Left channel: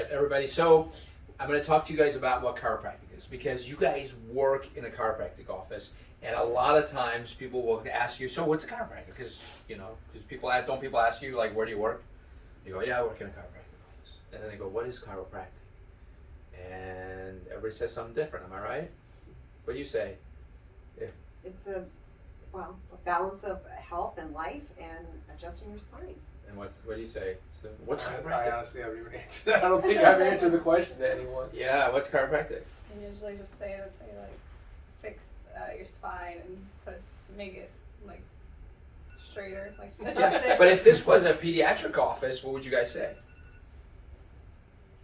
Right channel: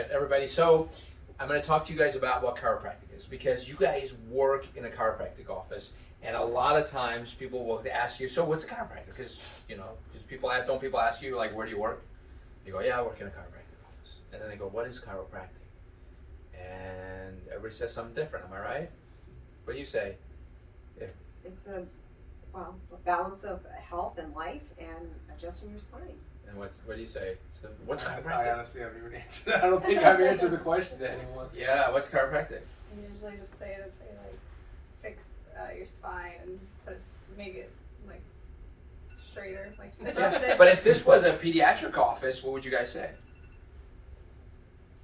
right, everybody. So I'm going to talk to you guys about what chiropractic is, because you guys work in a chiropractic office, and a lot of times people will ask you, so what's a chiropractor? Because people ask you, like, where do you work? You go, yeah, I work in a chiropractic office. And then they go, what is chiropractic? And everybody says something different. Am I right? What do you say? It's a balance of health and life and adjusting your spine. And what do you say? So what's I chiropractic? honestly haven't even answered. I don't think I've answered the question to anyone. Yeah, what's chiropractic? I usually just say that they like fix your spine and make it like straighter, like adjust it. But if this was a pediatric office, what would you guys say?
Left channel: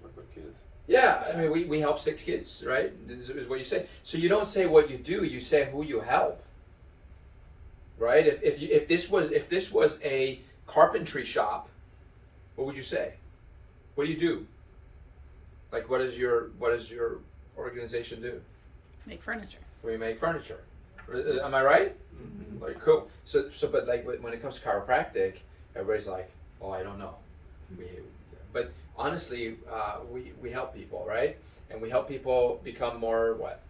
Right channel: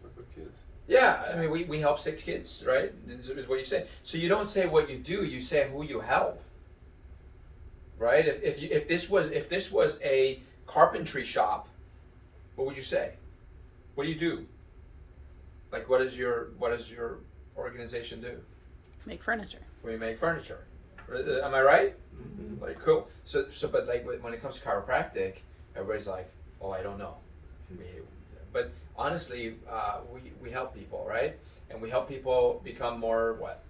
Work with kids. Yeah, I mean, we help 6 kids, right? This is what you say. So you don't say what you do, you say who you help, right? If this was a carpentry shop, what would you say? What do you do? Like, what does your organization do? Make furniture. We make furniture. Am I right? Mm-hmm. Like, cool. So, but like when it comes to chiropractic, everybody's like, oh, I don't know. But honestly, we help people, right? And we help people become more what?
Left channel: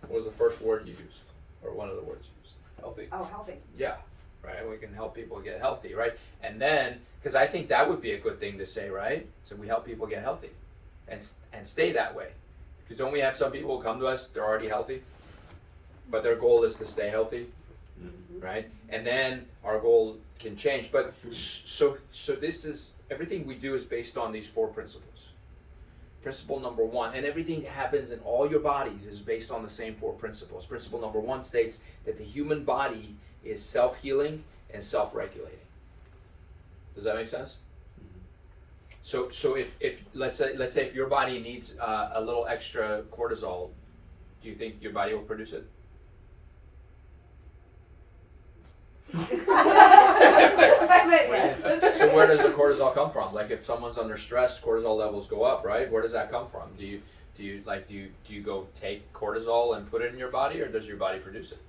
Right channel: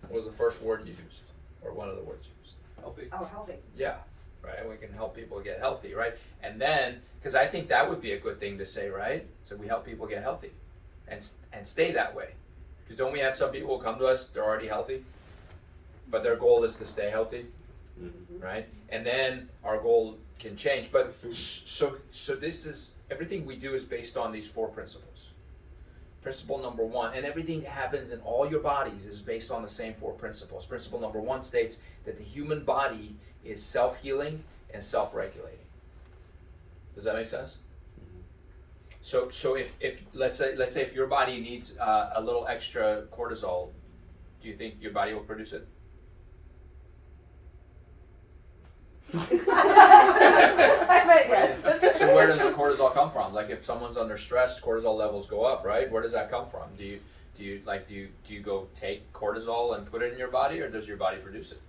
What was the first word you used, or one of the words you used? Healthy. Oh, healthy. Yeah, right. We can help people get healthy, right? And then, because I think that would be a good thing to say, right? So we help people get healthy, and stay that way. Because don't we have some people who come to us, they're already healthy, but their goal is to stay healthy, right? And then our goal can change. But so this is, everything we do is based on these 4 principles. Principle number 1, and everything that happens in all your bodies is based on the same 4 principles. Principle number 1 states that the human body is self-healing and self-regulating. Does that make sense? So if let's say if your body needs a little extra cortisol, do you think your body will produce it? Yes. So where does the cortisol come from? Like, if someone's under stress, cortisol levels go up, right? Where does that come from? Do you go take cortisol and put it in your body, or does your body produce it?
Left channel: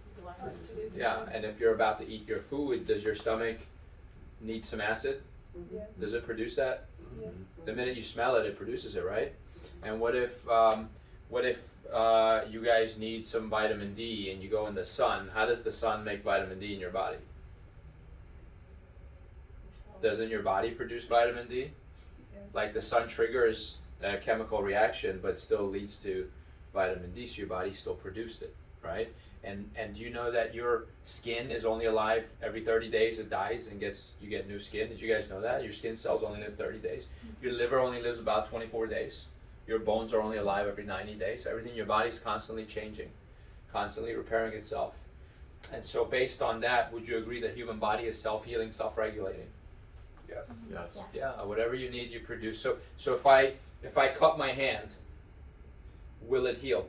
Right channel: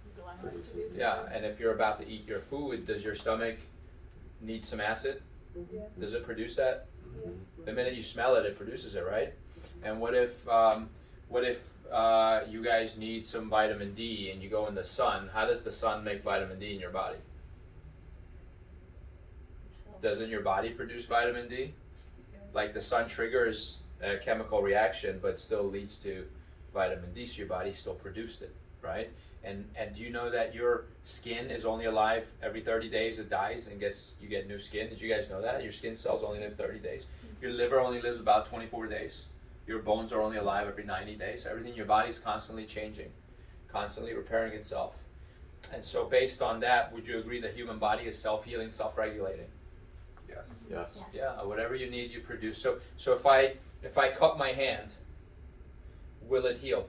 Yeah, and if you're about to eat your food, does your stomach need some acid? Yes. Does it produce that? Yes. The minute you smell it, it produces it, right? And what if you guys need some vitamin D and you go in the sun? How does the sun make vitamin D in your body? Doesn't your body produce vitamin D? Like, the sun triggers a chemical reaction, but still leads to vitamin D, so your body still produced it, right? And do you know that your skin is only alive every 30 days? It dies and you get new skin. Did you guys know that? Your skin cells only live 30 days. Your liver only lives about 24 days. Your bones are only alive every 90 days. Everything in your body is constantly changing, constantly repairing itself. And so based on that, would you agree that human body is self-healing, self-regulating? Yes. Yes. Yeah, whatever you need, you produce. So if I cut my hand, will it heal?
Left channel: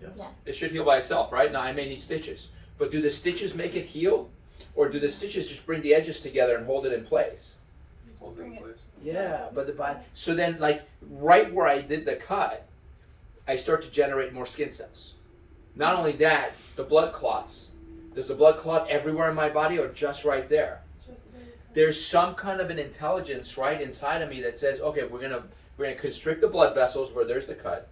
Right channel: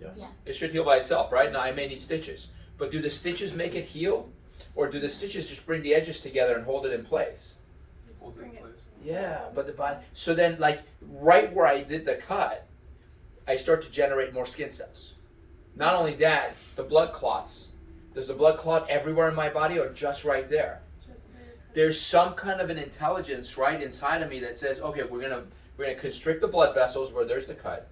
Yes. It should heal by itself, right? Now I may need stitches, but do the stitches make it heal, or do the stitches just bring the edges together and hold it in place? Hold it in place. Yeah, but so then, like, right where I did the cut, I start to generate more skin cells. Not only that, the blood clots. Does the blood clot everywhere in my body, or just right there? There's some kind of an intelligence right inside of me that says, okay, we're gonna constrict the blood vessels where there's the cut.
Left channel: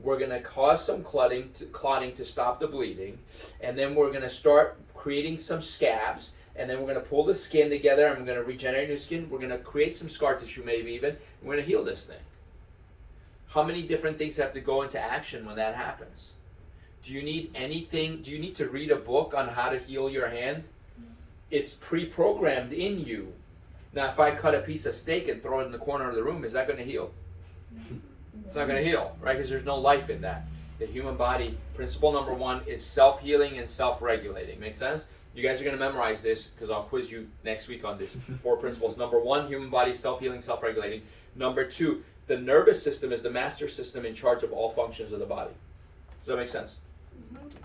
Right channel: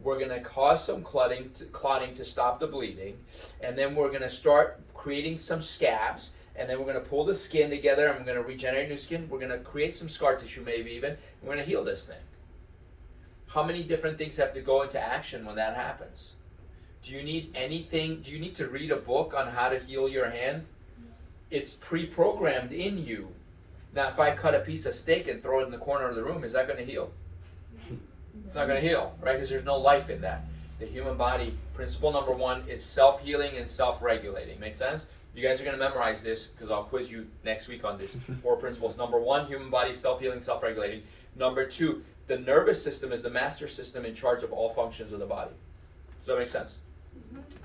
We're gonna cause some clotting to stop the bleeding, and then we're gonna start creating some scabs, and then we're gonna pull the skin together, and we're gonna regenerate new skin. We're gonna create some scar tissue, maybe even. And we're gonna heal this thing. How many different things have to go into action when that happens? Do you need anything? Do you need to read a book on how to heal your hand? It's pre-programmed in you. Now, if I cut a piece of steak and throw it in the corner of the room, is that going to heal? It's not going to heal, right? Because there's no life in that. The human body, principle number 1 is self-healing and self-regulating. Make sense? You guys are going to memorize this, because I'll quiz you next week on this. 4 principles. Number 1, human body, self-healing, self-regulating. Number 2, the nervous system is the master system in charge of all functions of the body. Does that make sense?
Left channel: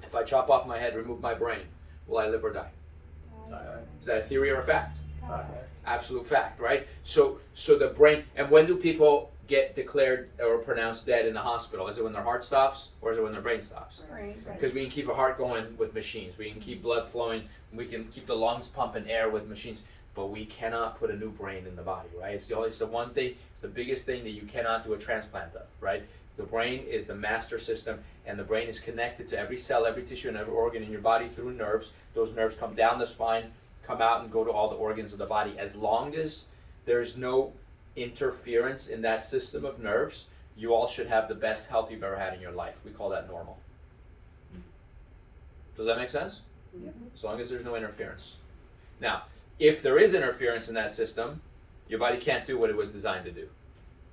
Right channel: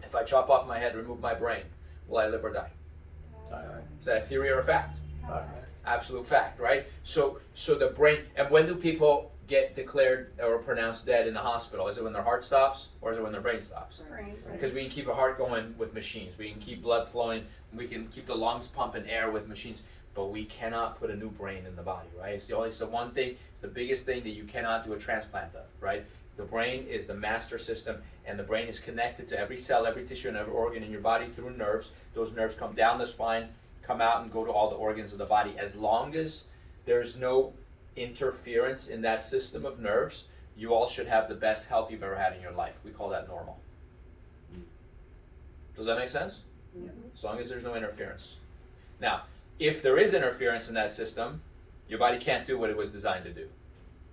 If I chop off my head, remove my brain, will I live or die? Is that a theory or a fact? Absolute fact, right? So the brain, and when do people get declared or pronounced dead in the hospital? Is it when their heart stops, or is it when their brain stops? Because we can keep a heart going with machines. We can keep blood flowing. We can keep the lungs pumping air with machines. but we cannot put a new brain in the body, right? It's the one thing, it's the biggest thing that you cannot do a transplant of, right? The brain is the master system, and the brain is connected to every cell, every tissue, and every organ in your body through nerves. Those nerves come down the spine, come out, and go to all the organs of the body. As long as there is no interference in that system of nerves, you all should have the best health you've ever had in your life. We call that normal. Does that make sense? As long as there's no interference. Now, if there is interference in that system, your body can't do what it was designed to do.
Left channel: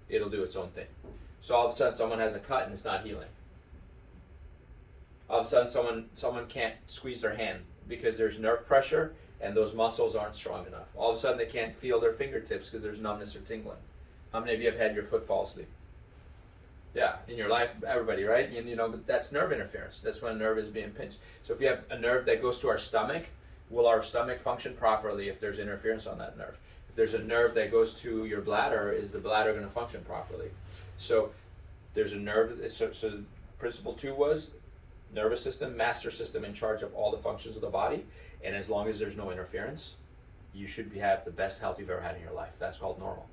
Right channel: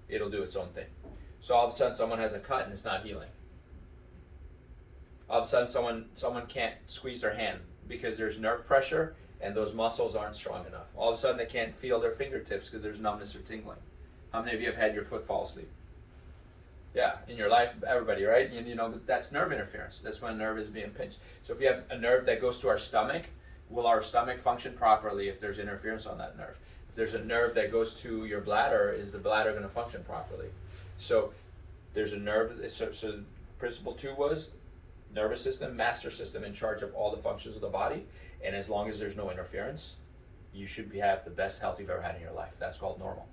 It'll do its own thing. So all of a sudden someone has a cut and it's not healing. All of a sudden someone can't squeeze their hand because there's nerve pressure and those muscles aren't strong enough. All of a sudden they can't feel their fingertips because there's numbness or tingling. How many of you have had your foot fall asleep? Yeah, in your life, everybody, right? You know, that's nerve interference. That's when a nerve is being pinched. So if you have a nerve that goes to our stomach, will our stomach function properly if there's interference on that nerve? If there's a nerve that goes to your bladder, is the bladder going to function properly? So there's a nerve, so principle 2 was nervous system, master system in charge of all the functions of the body, and as long as there's no interference, you should have the best health you've ever had in your life. That's called normal.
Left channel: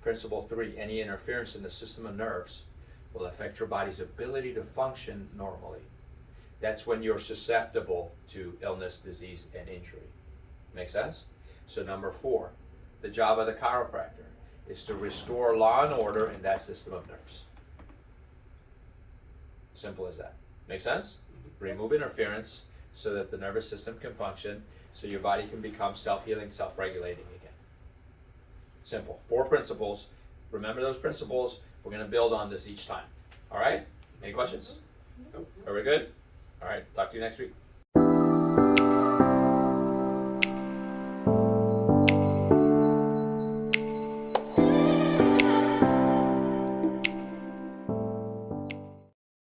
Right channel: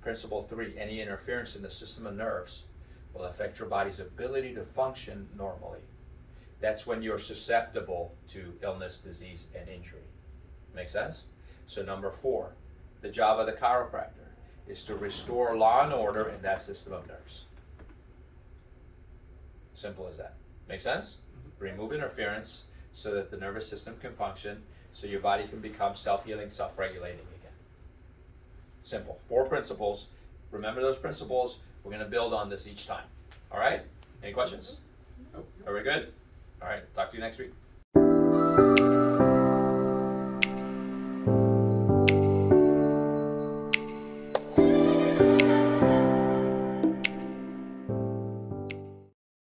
Principle 3, any interference in the system of nerves will affect your body's ability to function normally. That's when you're susceptible to illness, disease, and injury. Make sense? So number 4, the job of the chiropractor is to restore law and order in that system of nerves. Simple as that. Make sense? Remove interference so that the nervous system can function, so your body can become self-healing, self-regulating again. Simple. 4 principles. Remember those principles. We're going to build on this each time. All right? Any questions? Nope. Are we good? All right. Talk to you next week.